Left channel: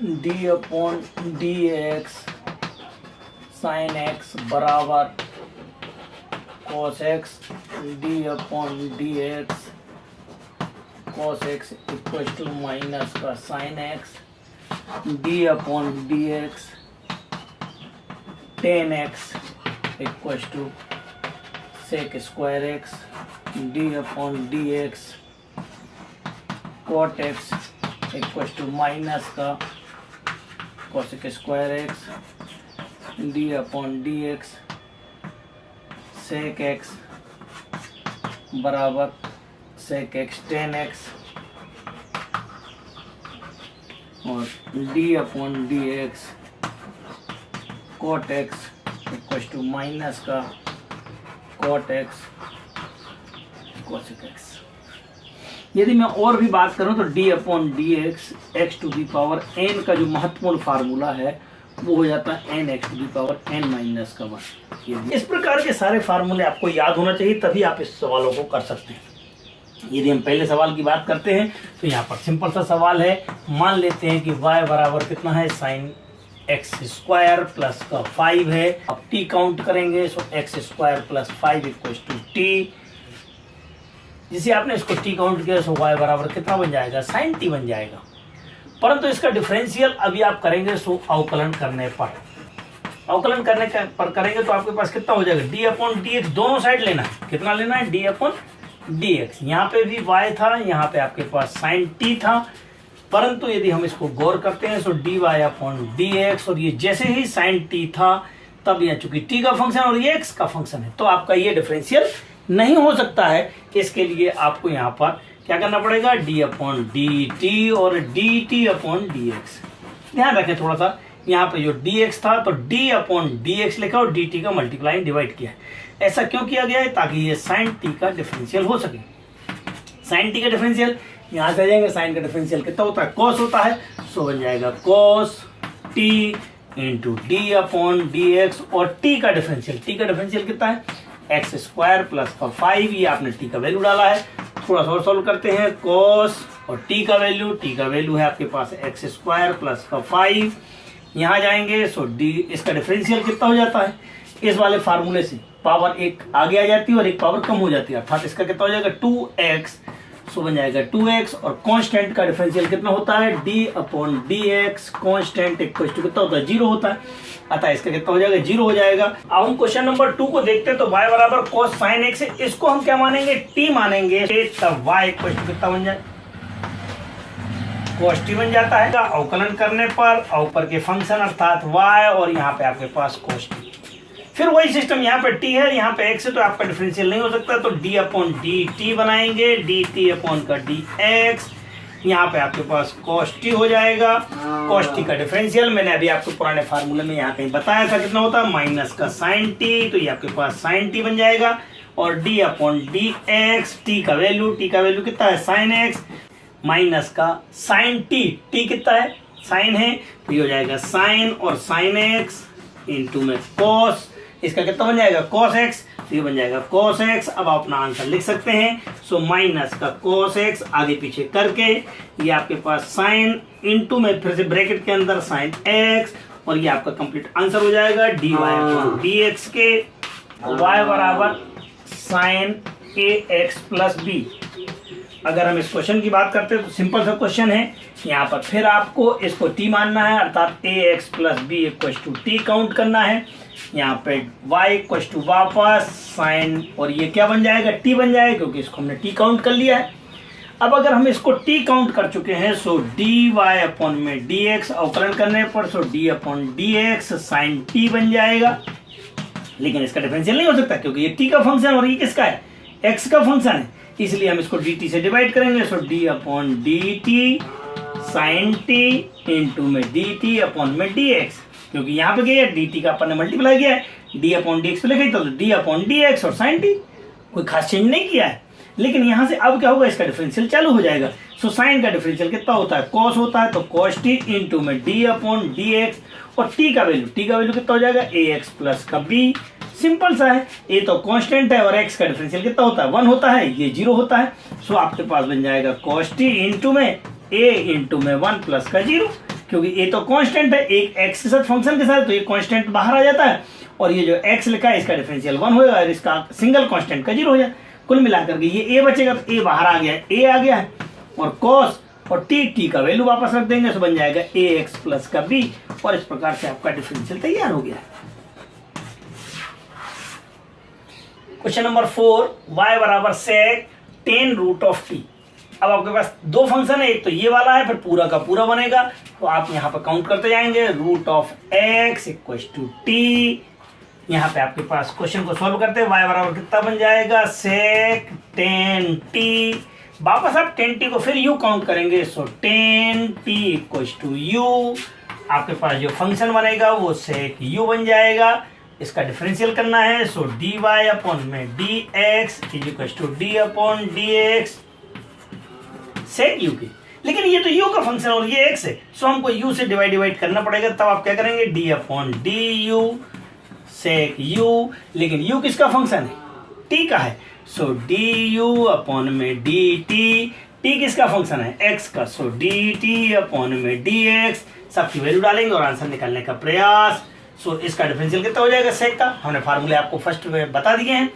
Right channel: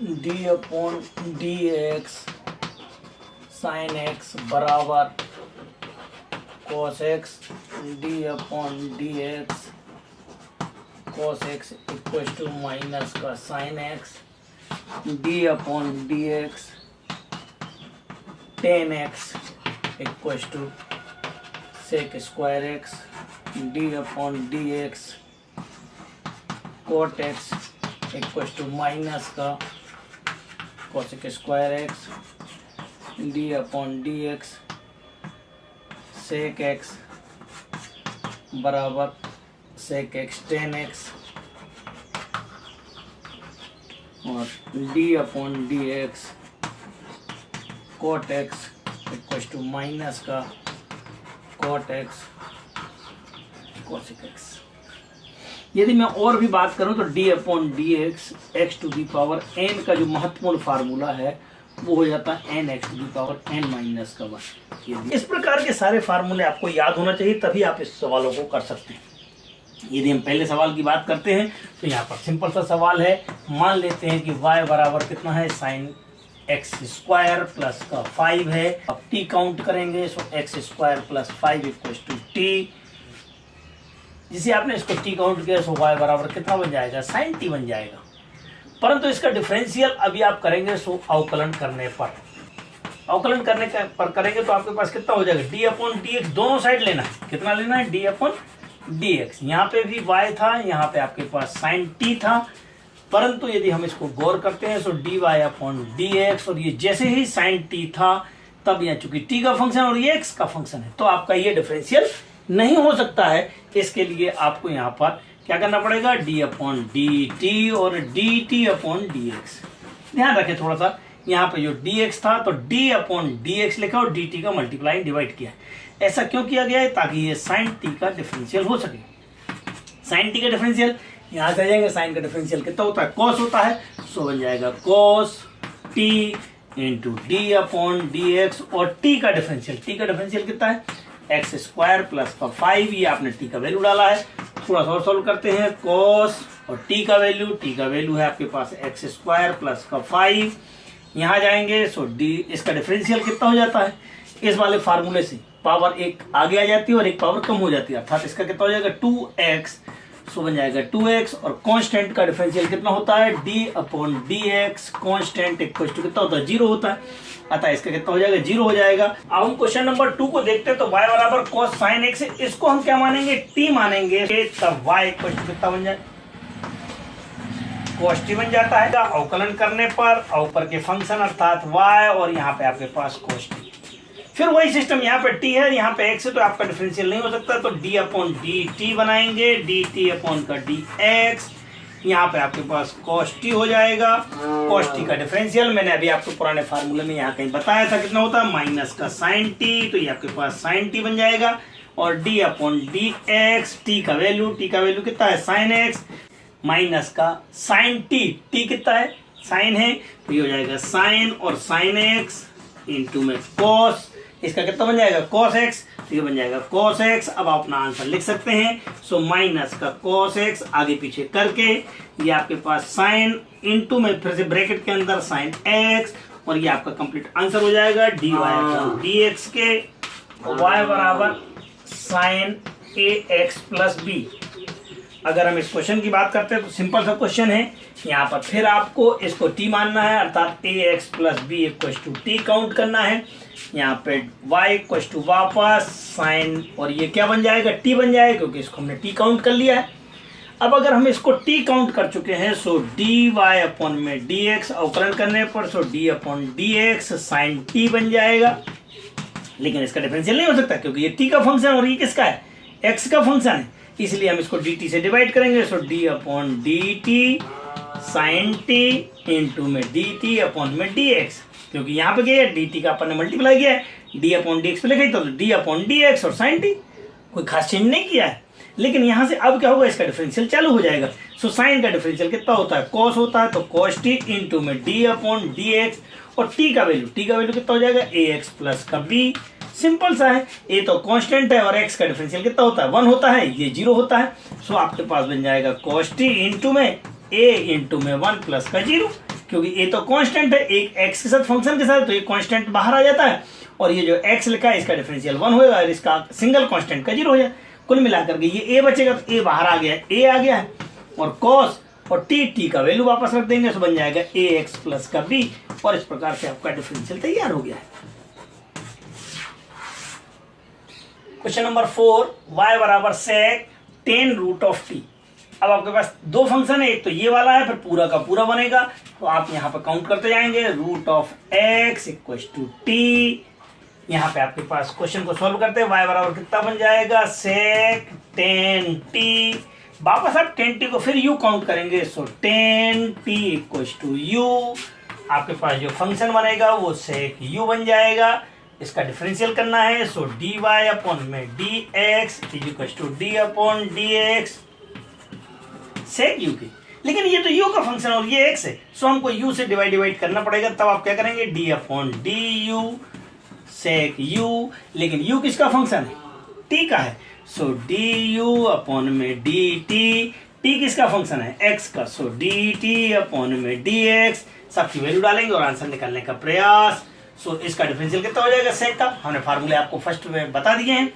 D upon D X sine X बराबर cos X D upon D X cos X equal to minus का sine X D upon D X tan X equal to sec square X D upon D X cot X equal to minus का cosec square X D upon D X sec X बराबर sec X tan X और D upon D X cot X equal to minus का cot X cosec x. यदि मैं और भी बात करूं तो d upon D x x to the power n का जो महत्वपूर्ण फार्मूला है वो हो जाता है n x to the power n minus का वन। इस प्रकार के सारे फार्मूले आपको याद होना चाहिए, तभी आप इस सवालों को कर सकते हैं। यदि हम पहले सवाल की बात करते हैं तो यहाँ पर सिंपल सा सवाल है। मान लेते हैं कि y बराबर कितना है साइन एक्स स्क्वायर प्लस का 5 है। अब t काउंट करेंगे so X square plus 5 equal to T. जिसे आपने इसको टी काउंट किया सो y बराबर कितना बन जाएगा साइन टी बन जाएगा। परंतु इसका डिफरेंशियल अभी आप करेंगे सो अवकलन करने पर करेंगे तो आपके पास कितना हो जाएगा डी अपॉन डी एक्स। दोनों साइड लेना है, कितना लेना है डी अपॉन डी एक्स। यहाँ पे भी y था, यहाँ पे आपके पास साइन टी था, परंतु यदि हम इसको गौर करते हैं so D Y upon D X और ये जैसे ही साइन टी था तब यहाँ चूंकि टी का फंक्शन और ये एक्स का फंक्शन है तो आपका ये डिफरेंशियल नहीं हो सकता है। इसके लिए आपको यहाँ पर क्या करना पड़ेगा डी अपॉन डी टी और D T upon D x. ध्यान रखें थोड़ा सा, यहाँ पे जो डी एक्स था तो डी अपॉन डी एक्स लिखा और डी टी का मल्टीप्लाई डिवाइड किया। ऐसा क्यों किया गया है? ताकि ये साइन टी का डिफरेंशियल हो सके। साइन टी का डिफरेंशियल यहाँ से आ जाएंगे, साइन का डिफरेंशियल कितना होता है कॉस होता है, सो बन जाएगा cos T into D upon D X और टी का डिफरेंशियल कितना है एक्स स्क्वायर प्लस का 5। ये आपने टी का वैल्यू डाला है। थोड़ा सा और सॉल्व करते हैं, कॉस और टी का वैल्यू है आपके पास एक्स स्क्वायर प्लस का 5। यहाँ जाएंगे सो डी इसका डिफरेंशियल कितना हो जाता है इस वाले फार्मूले से पावर एक आगे आ जाती है और एक पावर कम हो जाती है, अर्थात इसका कितना हो जाएगा 2x। सो बन जाएगा 2x और कांस्टेंट का डिफरेंशियल कितना होता है d upon dx। Constant equal to कितना होता है 0 होता है, अतः इसका कितना हो जाएगा 0 हो जाएगा। अब हम क्वेश्चन नंबर 2 को देखते हैं तो y बराबर cos sin x है, इसको हम क्या मानेंगे t मानेंगे, तब y इक्वल टू कितना बन जाए cos t बन जाता है। अवकलन करने पर ऊपर के फंक्शन अर्थात y और यहाँ पे आपके पास cos t। फिर वही सिस्टम, यहाँ पे t है यहाँ पे x है तो आपका डिफरेंशियल नहीं हो सकता, तो d अपॉन डी टी बनाएंगे, डी टी अपॉन का डी एक्स। यहाँ पे आपके पास cos t हो जाएगा। cos t का डिफरेंशियल मैंने अभी आपको पुराने फार्मूले में यहाँ कहीं बताया था कितना होता है माइनस का sin t, तो ये आपके पास sin t बन जाएगा और d upon D x. t का वैल्यू कितना है sin x माइनस का sin t, t कितना है sin है तो ये हो जाएगा sin और sin x इंटू में cos। इसका कितना बन जाएगा cos x, तो ये बन जाएगा cos x। अब आप अपना आंसर लिख सकते हैं, सो माइनस का cos x आगे पीछे करके ये आपके पास sin इंटू में फिर से ब्रैकेट के अंदर sin x और ये आपका कंप्लीट आंसर हो जाएगा dy अपॉन dx के y बराबर sin ax प्लस b। अगर हम इस क्वेश्चन की बात करते हैं तो सिंपल सा क्वेश्चन है, यहाँ पर फिर आपको इसको t मानना है अर्थात ax plus b equal to t count करना है। यहाँ पे y इक्वल टू वापस साइन और ये क्या बन जाएगा t बन जाएगा क्योंकि इसको हमने t काउंट कर लिया है। अब अगर हम इसको t काउंट कर चुके हैं सो dy अपॉन में dx अवकलन करने पर so d upon dx sine t बन जाएगा। लेकिन इसका डिफरेंशियल नहीं हो सकता क्योंकि ये t का फंक्शन और ये किसका है x का फंक्शन है, इसलिए हम इसको dt से डिवाइड करेंगे। So d upon dt sine t into में dt अपॉन में dx, क्योंकि यहाँ पे क्या है dt का अपन ने मल्टीप्लाई किया है, d अपॉन dx पे लिखा तो d अपॉन dx और साइन t, कोई खास चेंज नहीं किया है। लेकिन यहाँ से अब क्या होगा इसका डिफरेंशियल चालू हो जाएगा। सो साइन का डिफरेंशियल कितना होता है cos होता है, तो cos t इंटू में d अपॉन dx और t का वैल्यू कितना हो जाएगा ax प्लस का b। सिंपल सा है, a तो कांस्टेंट है और x का डिफरेंशियल कितना होता है 1 होता है, ये 0 होता है। सो आपके पास बन जाएगा cos t इंटू में a इंटू में 1 प्लस का 0। क्योंकि ये तो कांस्टेंट है, एक x के साथ फंक्शन के साथ, तो ये कांस्टेंट बाहर आ जाता है और ये जो x लिखा है इसका डिफरेंशियल 1 होगा और इसका सिंगल कांस्टेंट का 0 हो जाए। कुल मिलाकर के ये a बचेगा, तो a बाहर आ गया है, a आ गया है और cos और t का वैल्यू वापस रख देंगे तो बन जाएगा ax प्लस का b और इस प्रकार से आपका डिफरेंशियल तैयार हो गया है। क्वेश्चन नंबर 4, y बराबर sec 10 रूट ऑफ t। अब आपके पास दो फंक्शन है, एक तो ये वाला है, फिर पूरा का पूरा बनेगा, तो आप यहाँ पर काउंट करते जाएंगे। Root of x equal to t, यहाँ पे आपके पास क्वेश्चन को सॉल्व करते हैं, y बराबर कितना बन जाएगा sec 10t। वापस आप 10t को फिर u काउंट करेंगे, सो 10t इक्वल टू u। आपके पास जो फंक्शन बनेगा वो sec u बन जाएगा, इसका डिफरेंशियल करना है, सो dy अपॉन में dx is equal to d upon dx sec u की। लेकिन ये तो u का फंक्शन और ये x है, सो हमको u से डिवाइड करना पड़ेगा, तब आप क्या करेंगे d upon du sec u। लेकिन u किसका फंक्शन है, t का है, सो du अपॉन में dt। t किसका फंक्शन है, x का, सो dt अपॉन में dx। सबकी वैल्यू डालेंगे और आंसर निकालने का प्रयास। सो इसका डिफरेंशियल कितना हो जाएगा sec का, हमने फार्मूले आपको फर्स्ट में बता दिए हैं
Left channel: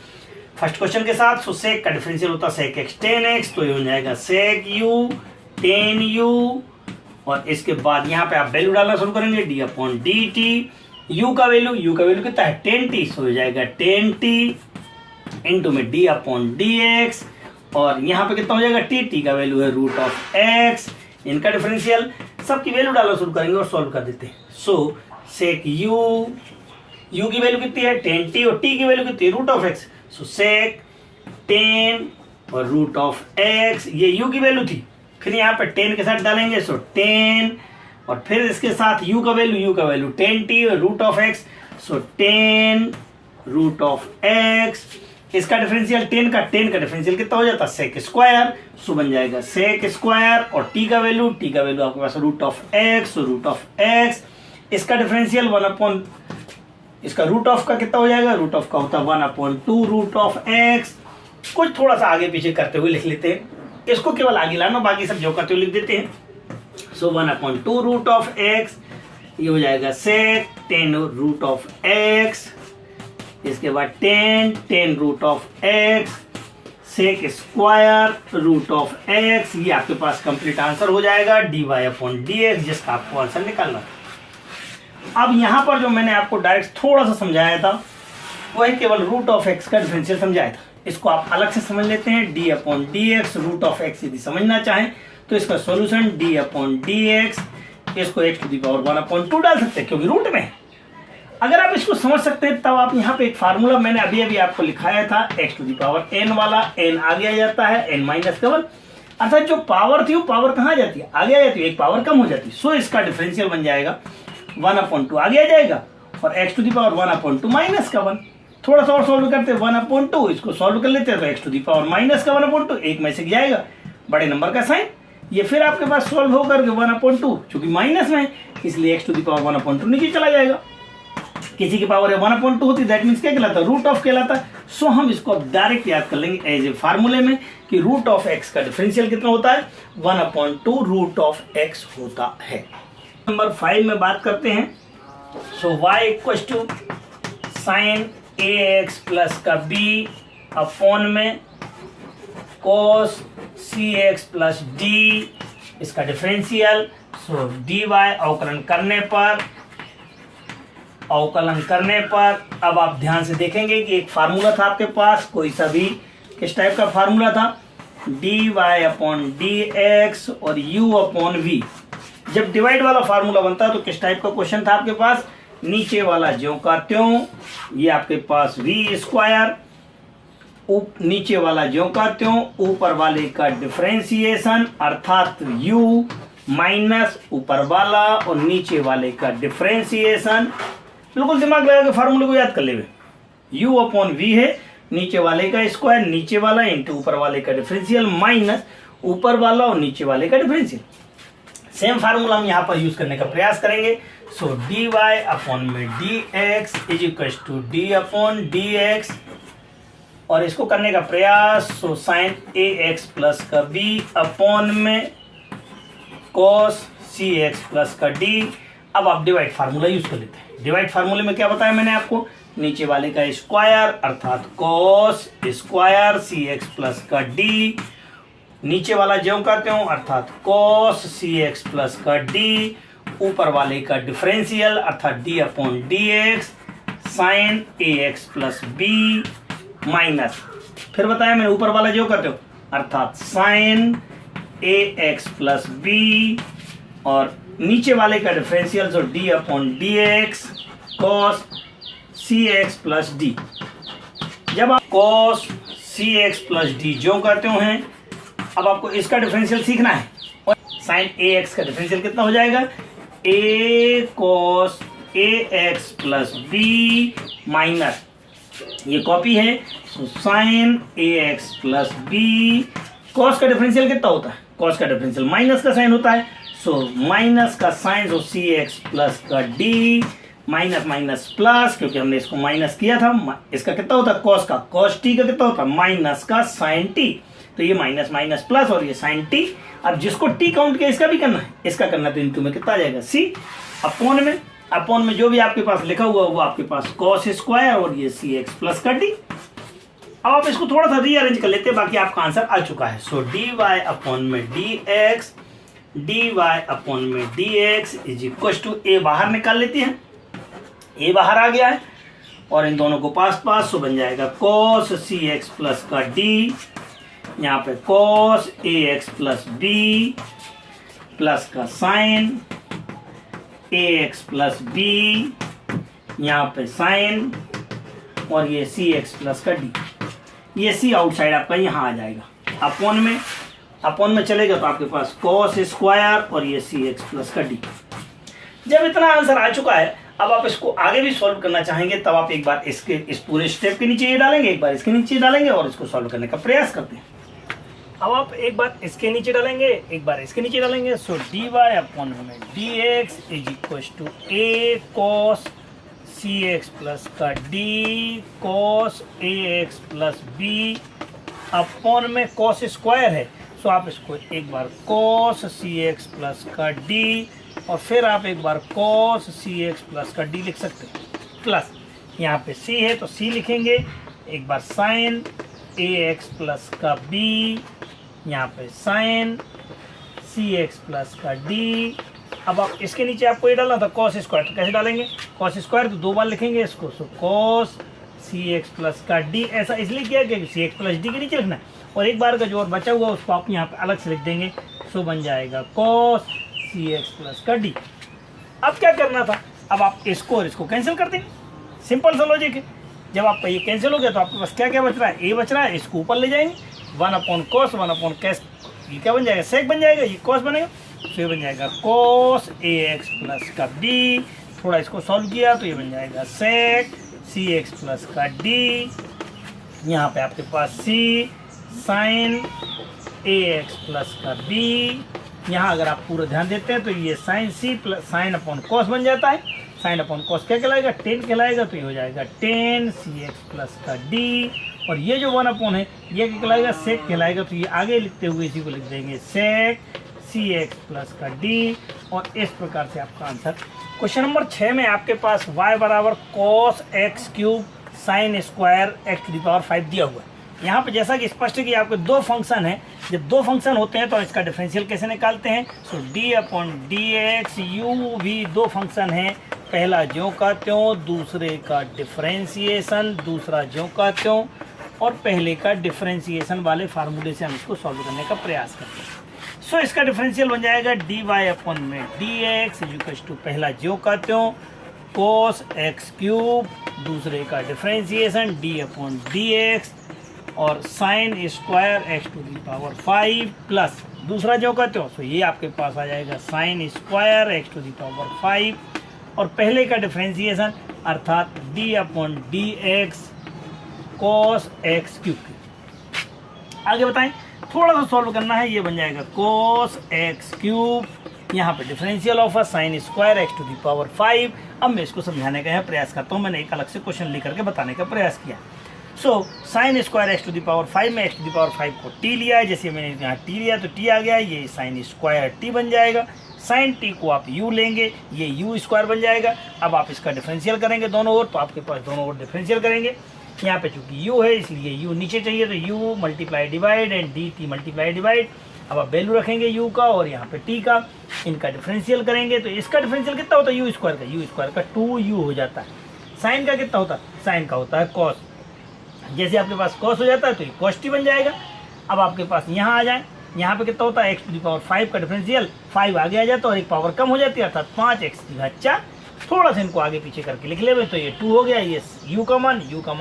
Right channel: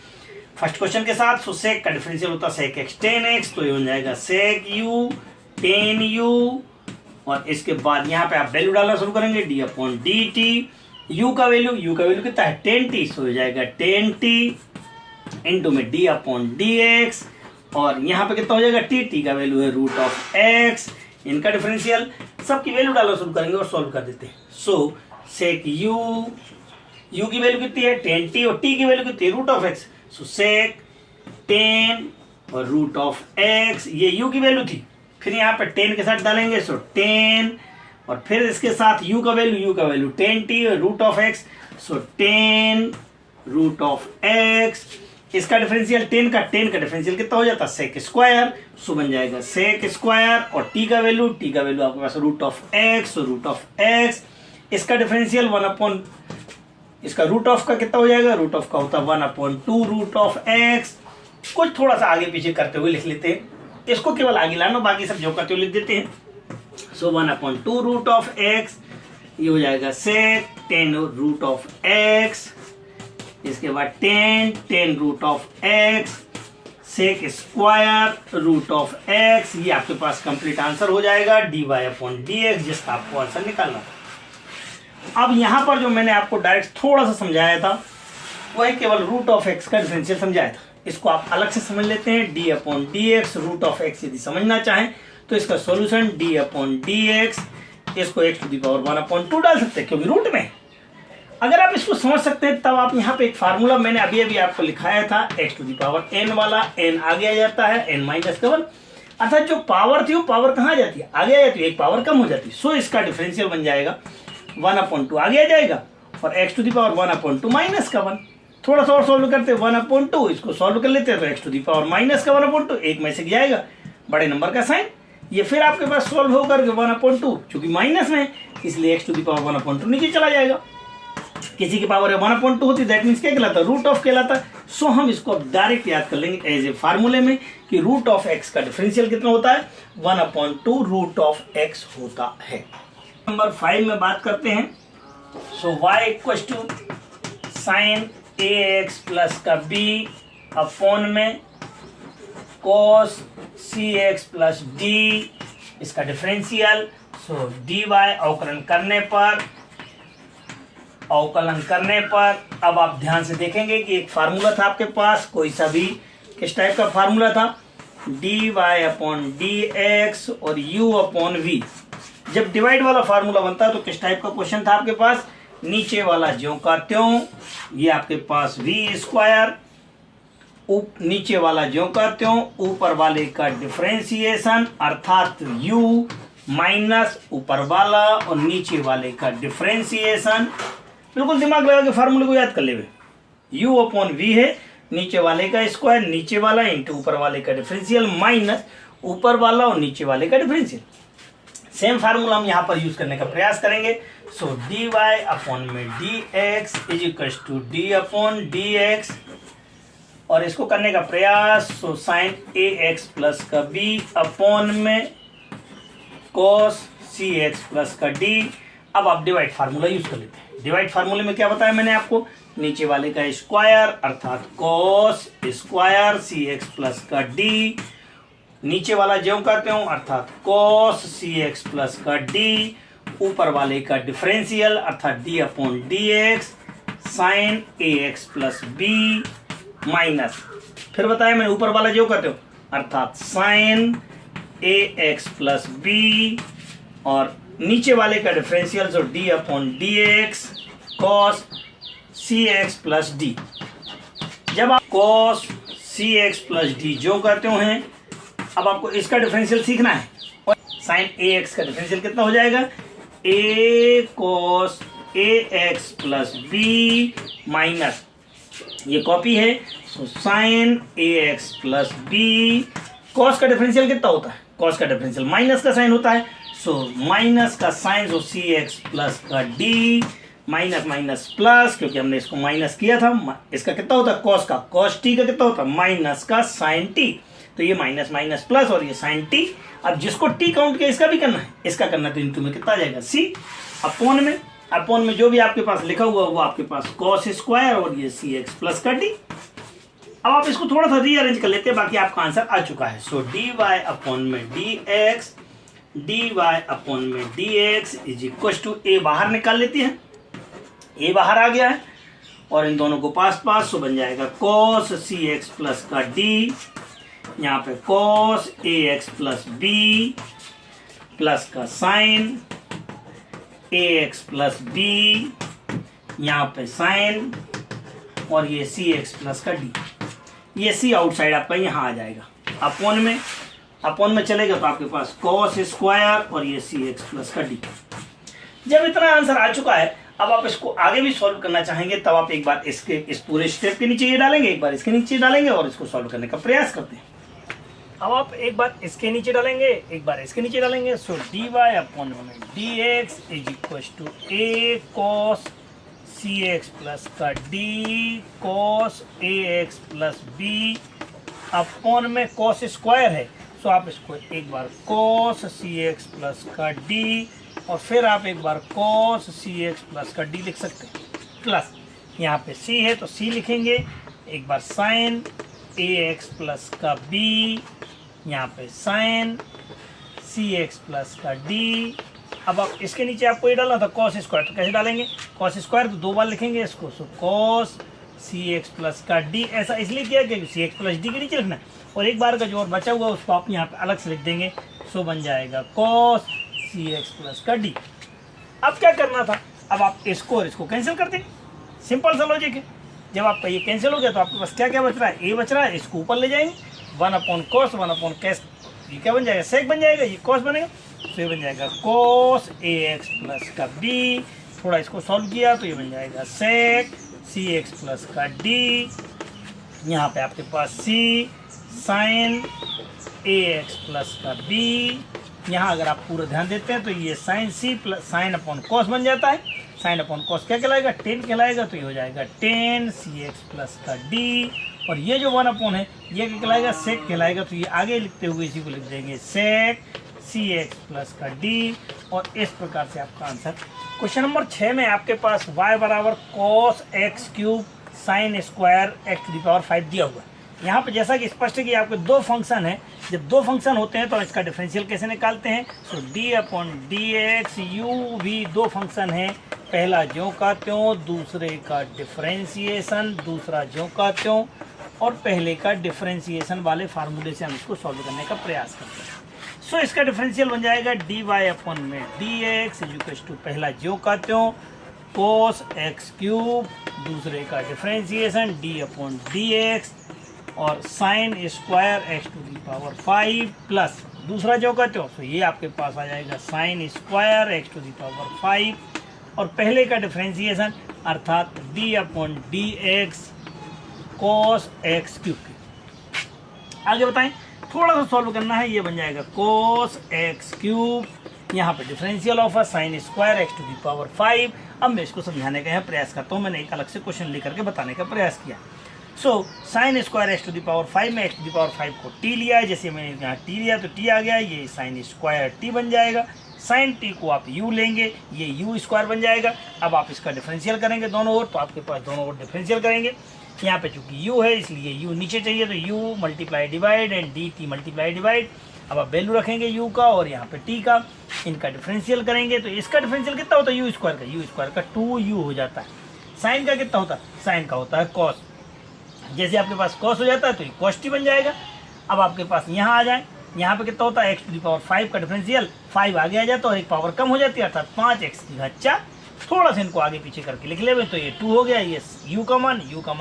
फर्स्ट क्वेश्चन के साथ। सो sec का डिफरेंशियल होता है sec x 10x, तो ये हो जाएगा sec u 10u और इसके बाद यहाँ पे आप वैल्यू डालना शुरू करेंगे d अपॉन dt। u का वैल्यू कितना है 10t, सो हो जाएगा 10t इंटू में d अपॉन dx और यहाँ पे कितना हो जाएगा t का वैल्यू है रूट ऑफ x। इनका डिफरेंशियल सबकी वैल्यू डालना शुरू करेंगे और सॉल्व कर देते हैं। सो sec u की वैल्यू कितनी है 10t और t की वैल्यू कितनी है root of x, so sec 10 और रूट ऑफ x, ये u की वैल्यू थी, फिर यहाँ पे 10 के साथ डालेंगे, सो 10 और फिर इसके साथ u का वैल्यू 10t और root of x, so 10 root of x। इसका डिफरेंशियल 10 का डिफरेंशियल कितना हो जाता है sec स्क्वायर, सो बन जाएगा sec स्क्वायर और t का वैल्यू आपके पास रूट ऑफ x। इसका डिफरेंशियल 1 अपॉन इसका रूट ऑफ का कितना हो जाएगा, रूट ऑफ का होता है 1 अपॉन 2 रूट ऑफ x। कुछ थोड़ा सा आगे पीछे करते हुए लिख लेते हैं, इसको केवल आगे लाना, बाकी सब जो करते हुए लिख देते हैं। सो 1 अपॉन 2 रूट ऑफ x, ये हो जाएगा sec 10 रूट ऑफ x। इसके बाद 10 root of x sec square root of x। ये आपके पास कंप्लीट आंसर हो जाएगा dy अपॉन dx, जिसका आपको आंसर निकालना है। अब यहां पर जो मैंने आपको डायरेक्ट थोड़ा सा समझाया था वो है केवल रूट ऑफ x का डिफरेंशियल समझाया था, इसको आप अलग से समझ लेते हैं। d upon dx root of x यदि समझना चाहें तो इसका सॉल्यूशन d अपॉन dx, इसको x to the power 1 upon 2 डाल सकते हैं क्योंकि रूट में। अगर आप इसको समझ सकते हैं तब आप यहाँ पे एक फार्मूला मैंने अभी आपको लिखाया था, x to the power n वाला, n आगे आ जाता है n माइनस का 1, अर्थात जो पावर थी वो पावर कहाँ जाती है, आगे आ जाती है, एक पावर कम हो जाती है। सो इसका डिफरेंशियल बन जाएगा 1 अपॉन 2 आगे आ जाएगा और x to the power 1 upon 2 minus का 1। थोड़ा सा और सॉल्व करते हैं 1 अपॉन 2, इसको सॉल्व कर लेते हैं तो x to the power minus का 1 अपॉन 2 एक में से जाएगा बड़े नंबर का साइन, ये फिर आपके पास सॉल्व होकर 1 अपॉन 2 चूंकि माइनस में इसलिए x to the power 1 upon 2 नीचे चला जाएगा। किसी की पावर 1 अपॉन 2 होती है, दैट मीन्स क्या कहलाता है, रूट ऑफ कहलाता है। सो हम इसको अब डायरेक्ट याद कर लेंगे एज ए फार्मूले में कि रूट ऑफ x का डिफरेंशियल कितना होता है 1 अपॉन 2 रूट ऑफ x होता है। नंबर 5 में बात करते हैं। So y equal to sine ax plus का b अपॉन में cos cx प्लस d, इसका डिफरेंशियल। सो dy अवकलन करने पर अब आप ध्यान से देखेंगे कि एक फार्मूला था आपके पास, कोई सा भी किस टाइप का फार्मूला था, dy अपॉन dx और u अपॉन v। जब डिवाइड वाला फार्मूला बनता है तो किस टाइप का क्वेश्चन था आपके पास, नीचे वाला ज्यों का त्यों, ये आपके पास v स्क्वायर, नीचे वाला ज्यों का त्यों, ऊपर वाले का डिफरेंशिएशन अर्थात u माइनस ऊपर वाला और नीचे वाले का डिफरेंशिएशन। बिल्कुल दिमाग लगा के फार्मूले को याद कर ले, u अपॉन v है, नीचे वाले का स्क्वायर, नीचे वाला इंटू ऊपर वाले का डिफरेंशियल माइनस ऊपर वाला और नीचे वाले का डिफरेंशियल। सेम फार्मूला हम यहाँ पर यूज करने का प्रयास करेंगे। सो dy अपॉन में dx is equal to d upon dx और इसको करने का प्रयास। सो साइन ax प्लस का b अपॉन में cos सी एक्स प्लस का डी। अब आप डिवाइड फार्मूला यूज कर लेते हैं। डिवाइड फार्मूले में क्या बताया मैंने आपको, नीचे वाले का स्क्वायर अर्थात cos square C x plus का डी, नीचे वाला ज्यों का त्यों अर्थात कॉस सी एक्स प्लस का डी, ऊपर वाले का डिफरेंशियल अर्थात D upon D X sine ए एक्स प्लस बी माइनस, फिर बताया मैंने ऊपर वाला ज्यों का त्यों अर्थात साइन ए एक्स प्लस बी, और नीचे वाले का डिफरेंशियल जो D upon D X cos सी एक्स प्लस डी। जब आप कॉस सी एक्स प्लस डी ज्यों का त्यों हैं, अब आपको इसका डिफरेंशियल सीखना है, और साइन ए एक्स का डिफरेंशियल कितना हो जाएगा, ए cos a x plus B minus, ये कॉपी है, तो साइन ए एक्स प्लस बी, कॉस का डिफरेंशियल कितना होता है, कॉस का डिफरेंशियल माइनस का साइन होता है, सो माइनस का साइन जो सी एक्स प्लस का डी माइनस माइनस प्लस, क्योंकि हमने इसको माइनस किया था, इसका कितना होता है कॉस का, कॉस टी का कितना होता है माइनस का साइन टी, तो ये माइनस माइनस प्लस और ये साइन टी। अब जिसको टी काउंट किया इसका भी करना है, इसका करना है, तो इनटू में कितना आ जाएगा सी अपॉन में जो भी आपके पास लिखा हुआ वो आपके पास कॉस स्क्वायर और ये सी एक्स प्लस का डी। अब आप इसको थोड़ा सा रीअरेंज कर लेते हैं, बाकी आपका आंसर आ चुका है। सो डी वाई अपॉन में डी वाई अपॉन में D x is equal to, A बाहर निकाल लेते हैं, ए बाहर आ गया है और इन दोनों को पास पास, सो बन जाएगा कॉस सी एक्स प्लस का डी, यहाँ पे cos a x plus B plus का साइन ए एक्स प्लस बी, यहाँ पे साइन और ये सी एक्स प्लस का डी, ये सी आउटसाइड आपका यहाँ आ जाएगा, अपॉन में चलेगा तो आपके पास कॉस स्क्वायर और ये सी एक्स प्लस का डी। जब इतना आंसर आ चुका है, अब आप इसको आगे भी सॉल्व करना चाहेंगे, तब आप एक बार इस पूरे स्टेप के नीचे ये डालेंगे, एक बार इसके नीचे डालेंगे और इसको सॉल्व करने का प्रयास करते हैं। अब आप एक बार इसके नीचे डालेंगे, एक बार इसके नीचे डालेंगे, सो डी वाई अपॉन में D x is equal to a cos C x plus का d cos a x plus b, upon में कॉस स्क्वायर है, सो आप इसको एक बार कॉस सी एक्स प्लस का डी और फिर आप एक बार कॉस सी एक्स प्लस का डी लिख सकते हैं, प्लस यहाँ पे सी है तो सी लिखेंगे, एक बार साइन ए एक्स प्लस का बी, यहाँ पे साइन सी एक्स प्लस का डी। अब आप इसके नीचे आपको ये डालना था कॉस स्क्वायर, तो कैसे डालेंगे, कॉस स्क्वायर तो दो बार लिखेंगे इसको, सो कॉस सी एक्स प्लस का डी, ऐसा इसलिए किया कि सी एक्स प्लस डी के नीचे लिखना है, और एक बार का जो और बचा हुआ उसको आप यहाँ पे अलग से लिख देंगे, सो बन जाएगा कॉस सी एक्स प्लस का डी। अब क्या करना था, अब आप इसको और इसको कैंसिल कर दें, सिंपल सा लॉजिक है। जब आपका ये कैंसिल हो गया तो आपके पास क्या क्या बच रहा है, ए बच रहा है, इसको ऊपर ले जाएंगे, वन अपॉन कॉस ये क्या बन जाएगा, सेक बन जाएगा, ये कॉस बनेगा, तो ये बन जाएगा कॉस ए एक्स प्लस का बी, थोड़ा इसको सॉल्व किया तो ये बन जाएगा सेक सी एक्स प्लस का डी, यहाँ पे आपके पास सी साइन ए एक्स प्लस का बी, यहाँ अगर आप पूरा ध्यान देते हैं तो ये sine c plus sine upon cos बन जाता है, साइन अपॉन कॉस क्या कहलाएगा, टेन कहलाएगा, तो ये हो जाएगा टेन सी एक्स प्लस का डी, और ये जो वन अपॉन है ये क्या कहलाएगा, सेक कहलाएगा, तो ये आगे लिखते हुए इसी को लिख देंगे सेक सी एक्स प्लस का डी, और इस प्रकार से आपका आंसर। क्वेश्चन नंबर 6 में आपके पास y बराबर cos x cube sine square x to the power 5 दिया हुआ है। यहाँ पे जैसा कि स्पष्ट है कि आपके दो फंक्शन है, जब दो फंक्शन होते हैं तो इसका डिफरेंशियल कैसे निकालते हैं, so D upon D X, U भी दो फंक्शन है, पहला ज्यों का त्यों, दूसरे का डिफरेंशिएशन, दूसरा ज्यों का त्यों, और पहले का डिफरेंशिएशन वाले फार्मूले से हम इसको सॉल्व करने का प्रयास करते हैं। सो इसका डिफरेंशियल बन जाएगा डी वाई अपॉन में डी एक्स इक्वल टू पहला ज्यों का त्यों कोस एक्स क्यूब, दूसरे का differentiation D upon D X और sine square x to the power 5 plus दूसरा जो कहते हो तो ये आपके पास आ जाएगा sine square x to the power 5 और पहले का डिफरेंशिएशन अर्थात D upon D x cos x cube. आगे बताएं, थोड़ा सा सॉल्व करना है, ये बन जाएगा कोस एक्स क्यूब, यहाँ पे differential of sine square x to the power 5। अब मैं इसको समझाने का प्रयास करता हूँ, मैंने एक अलग से क्वेश्चन लेकर के बताने का प्रयास किया। So sine square x to the power 5 में एक्स टू दी पावर 5 को टी लिया है, जैसे मैंने यहाँ टी लिया तो टी आ गया, ये साइन स्क्वायर टी बन जाएगा। साइन टी को आप यू लेंगे, ये यू स्क्वायर बन जाएगा। अब आप इसका डिफरेंशियल करेंगे दोनों ओर, तो आपके पास दोनों ओर डिफरेंशियल करेंगे। यहाँ पे चूंकि u है इसलिए u नीचे चाहिए, तो u multiply divide and D T multiply divide. अब आप वैल्यू रखेंगे u का और यहाँ पे t का, इनका डिफरेंशियल करेंगे तो इसका डिफरेंशियल कितना होता है u स्क्वायर का 2u हो जाता है। साइन का कितना होता है, साइन का होता है कॉस। जैसे आपके पास कॉस हो जाता है तो ये कॉस टी बन जाएगा। अब आपके पास यहाँ आ जाए, यहाँ पे कितना होता है x टू दी पावर 5 का डिफरेंशियल, 5 आगे आ जाता है और एक पावर कम हो जाती है अर्थात 5x की घात 4। थोड़ा सा इनको आगे पीछे करके लिख ले तो ये 2 हो गया। ये u का मान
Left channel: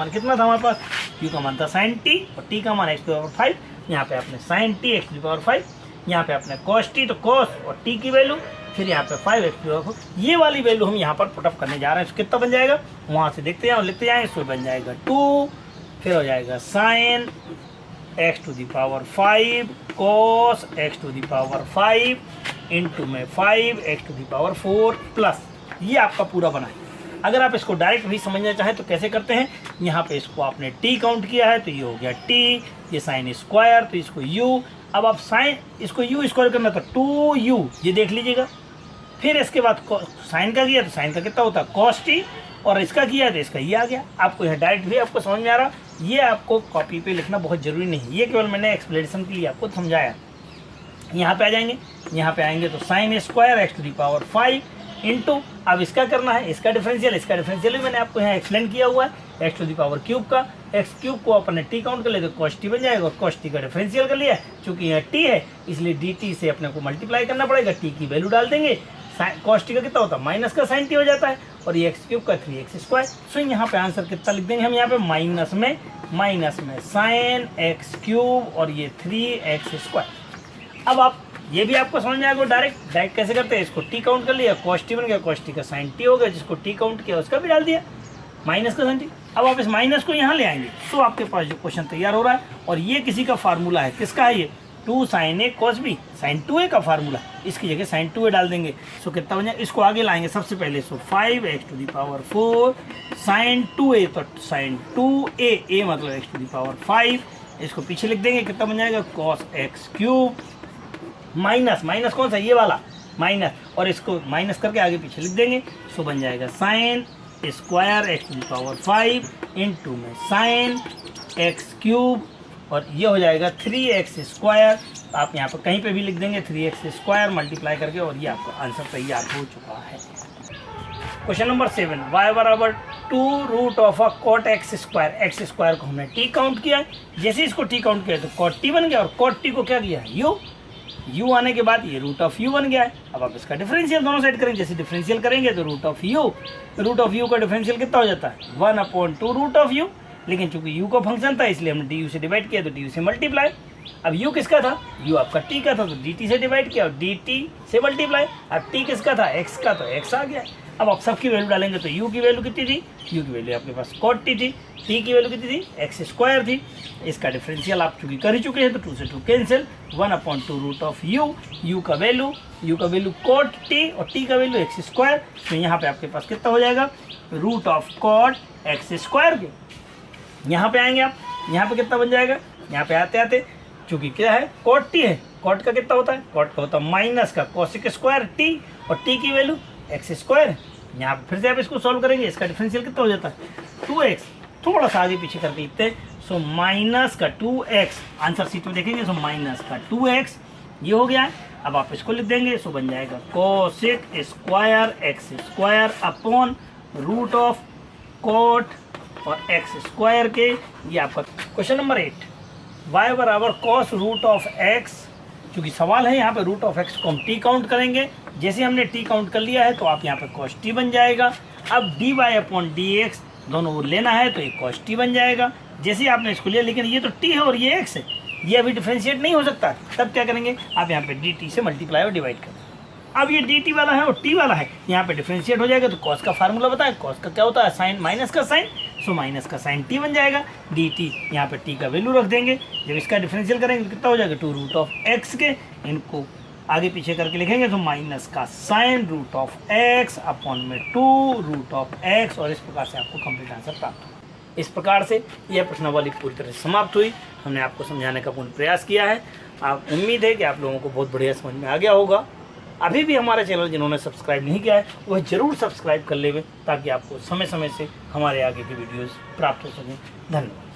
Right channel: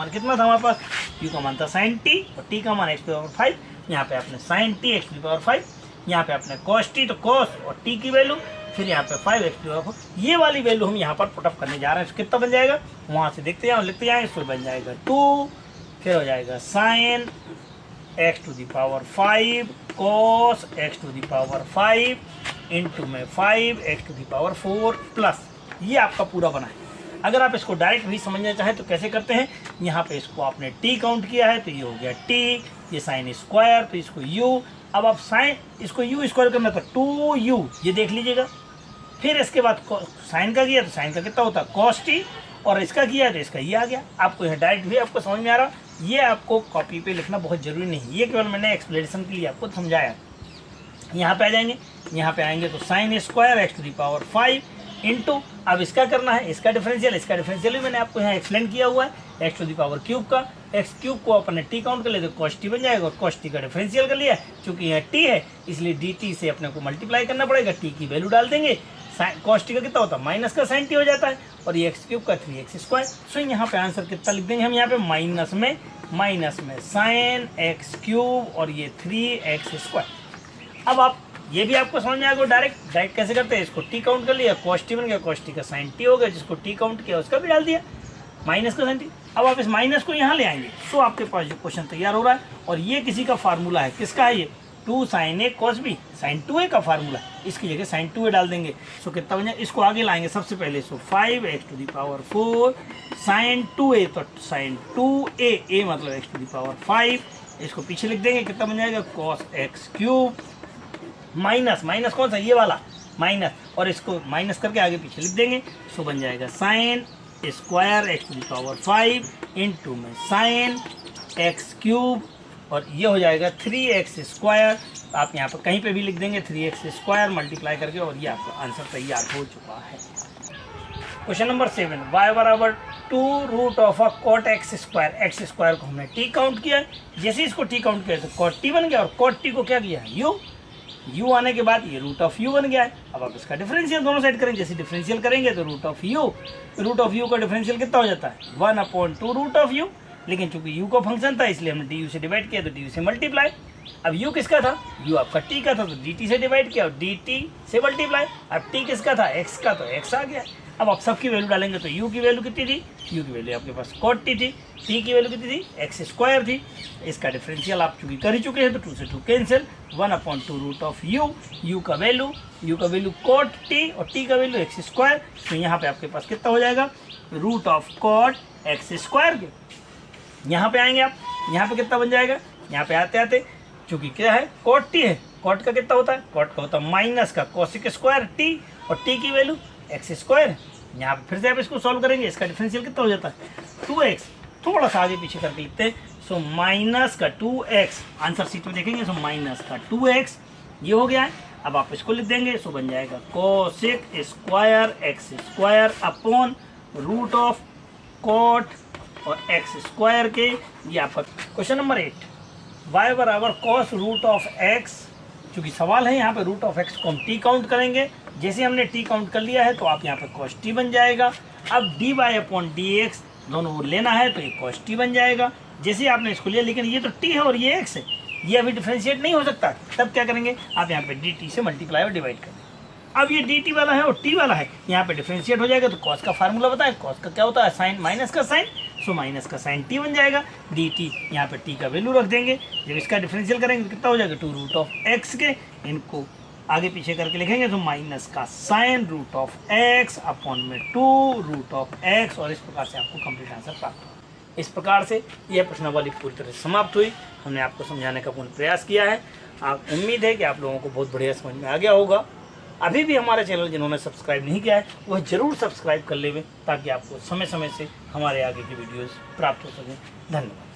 कितना था हमारे पास, u का मान था साइन टी और t का मान x टू दी पावर 5। यहाँ पे आपने sine t x to the power 5, यहाँ पे आपने कॉस टी तो कॉस और t की वैल्यू, फिर यहाँ पे 5x टू दी पावर 4। ये वाली वैल्यू हम यहाँ पर पुटअप करने जा रहे हैं। कितना बन जाएगा वहाँ से देखते जाए लिखते जाए, इसको बन जाएगा 2, फिर हो जाएगा sine x to the power 5 cos x to the power 5 into में 5x to the power 4 plus. ये आपका पूरा बना है। अगर आप इसको डायरेक्ट भी समझना चाहें तो कैसे करते हैं, यहाँ पे इसको आपने t काउंट किया है तो ये हो गया t, ये साइन स्क्वायर तो इसको u। अब आप साइन इसको u स्क्वायर करना था 2u, ये देख लीजिएगा। फिर इसके बाद साइन का किया तो साइन का कितना होता है cos t, और इसका किया तो इसका ये आ गया। आपको यह डायरेक्ट भी आपको समझ में आ रहा, ये आपको कॉपी पे लिखना बहुत जरूरी नहीं, ये केवल मैंने एक्सप्लेनेशन के लिए आपको समझाया। यहाँ पे आ जाएंगे, यहाँ पे आएंगे तो sine square x to the power 5 into, अब इसका करना है इसका डिफरेंशियल भी मैंने आपको यहाँ एक्सप्लेन किया हुआ है x to the power cube का। x क्यूब को अपने t काउंट कर ले तो cos t बन जाएगा और cos t का डिफरेंशियल कर लिया, चूंकि यह t है इसलिए dt से अपने को मल्टीप्लाई करना पड़ेगा, t की वैल्यू डाल देंगे। cos t का कितना होता है माइनस का साइन t हो जाता है और ये x क्यूब का 3x स्क्वायर। सो यहाँ पे आंसर कितना लिख देंगे हम, यहाँ पे माइनस में साइन x क्यूब और ये 3x स्क्वायर। अब आप ये भी आपको समझ में आएगा डायरेक्ट कैसे करते हैं, इसको t काउंट कर लिया cos t बन गया, cos t का साइन t हो गया, जिसको t काउंट किया उसका भी डाल दिया माइनस का साइन t। अब आप इस माइनस को यहाँ ले आएंगे, सो आपके पास जो क्वेश्चन तैयार हो रहा है और ये किसी का फार्मूला है, किसका है ये 2 sin a cos b, sin 2a का फार्मूला, इसकी जगह sin 2a डाल देंगे। सो कितना बन जाएगा, इसको आगे लाएंगे सबसे पहले, so 5x to the power 4 sin 2a, तो sin 2a, a मतलब x टू दी पावर 5, इसको पीछे लिख देंगे, कितना बन जाएगा cos x क्यूब माइनस कौन सा ये वाला माइनस, और इसको माइनस करके आगे पीछे लिख देंगे। सो बन जाएगा sine square x to the power 5 into में साइन x क्यूब और ये हो जाएगा 3x स्क्वायर। आप यहाँ पर कहीं पे भी लिख देंगे 3x स्क्वायर मल्टीप्लाई करके, और ये आपका आंसर तैयार हो चुका है। क्वेश्चन नंबर 7, y बराबर 2 root of uh cot x square. X square को हमने t काउंट किया, जैसे इसको t काउंट किया तो कॉट t बन गया और कॉट t को क्या किया है u आने के बाद ये रूट ऑफ u बन गया है। अब आप इसका डिफरेंशियल दोनों साइड करेंगे, जैसे डिफरेंशियल करेंगे तो रूट ऑफ u का डिफरेंशियल कितना हो जाता है 1/2 रूट ऑफ u, लेकिन चूंकि u का फंक्शन था इसलिए हमने du से डिवाइड किया तो du से मल्टीप्लाई। अब u किसका था, u आपका t का था तो dt से डिवाइड किया और dt से मल्टीप्लाई। अब t किसका था, x का, तो x आ गया। अब आप सबकी वैल्यू डालेंगे तो u की वैल्यू कितनी थी, u की वैल्यू आपके पास cot t थी, t की वैल्यू कितनी थी x स्क्वायर थी। इसका डिफरेंशियल आप चूंकि कर ही चुके हैं तो 2 से 2 कैंसिल, 1/2 रूट ऑफ u का वैल्यू cot t और t का वैल्यू x स्क्वायर। तो यहाँ पे आपके पास कितना हो जाएगा root of cot x square के। यहाँ पे आएंगे आप, यहाँ पे कितना बन जाएगा, यहाँ पे आते आते चूंकि क्या है cot t है, cot का कितना होता है, cot का होता है माइनस का cosec स्क्वायर t और t की वैल्यू x स्क्वायर। यहाँ पे फिर से आप इसको सॉल्व करेंगे, इसका डिफरेंशियल कितना हो जाता है 2x, थोड़ा सा आगे पीछे करके लिखते हैं। सो माइनस का 2x, आंसर शीट में देखेंगे, सो माइनस का 2x ये हो गया है। अब आप इसको लिख देंगे, सो बन जाएगा cosec square x square upon root of cot और x स्क्वायर के। ये आपका क्वेश्चन नंबर 8, y बराबर कॉस रूट ऑफ x। चूंकि सवाल है यहाँ पे रूट ऑफ x को हम t काउंट करेंगे, जैसे हमने t काउंट कर लिया है तो आप यहाँ पे cos t बन जाएगा। अब dy अपॉन dx दोनों वो लेना है तो ये cos t बन जाएगा। जैसे आपने इसको लिया, लेकिन ये तो t है और ये x है, ये अभी डिफरेंशिएट नहीं हो सकता, तब क्या करेंगे आप यहाँ पे dt से मल्टीप्लाई और डिवाइड करें। अब ये dt वाला है और t वाला है, यहाँ पे डिफरेंशिएट हो जाएगा तो cos का फार्मूला बताएं, cos का क्या होता है साइन माइनस का साइन, सो माइनस का साइन t बन जाएगा। dt यहाँ पे t का वैल्यू रख देंगे, जब इसका डिफरेंशियल करेंगे तो कितना हो जाएगा 2 रूट ऑफ x के, इनको आगे पीछे करके लिखेंगे तो माइनस का sine root of x upon में 2 रूट ऑफ x, और इस प्रकार से आपको कंप्लीट आंसर प्राप्त होगा। इस प्रकार से यह प्रश्नावली पूरी तरह से समाप्त हुई। हमने आपको समझाने का पूर्ण प्रयास किया है। आप उम्मीद है कि आप लोगों को बहुत बढ़िया समझ में आ गया होगा। अभी भी हमारे चैनल जिन्होंने सब्सक्राइब नहीं किया है वह जरूर सब्सक्राइब कर लेवे, ताकि आपको समय समय से हमारे आगे की वीडियोस प्राप्त हो सकें। धन्यवाद।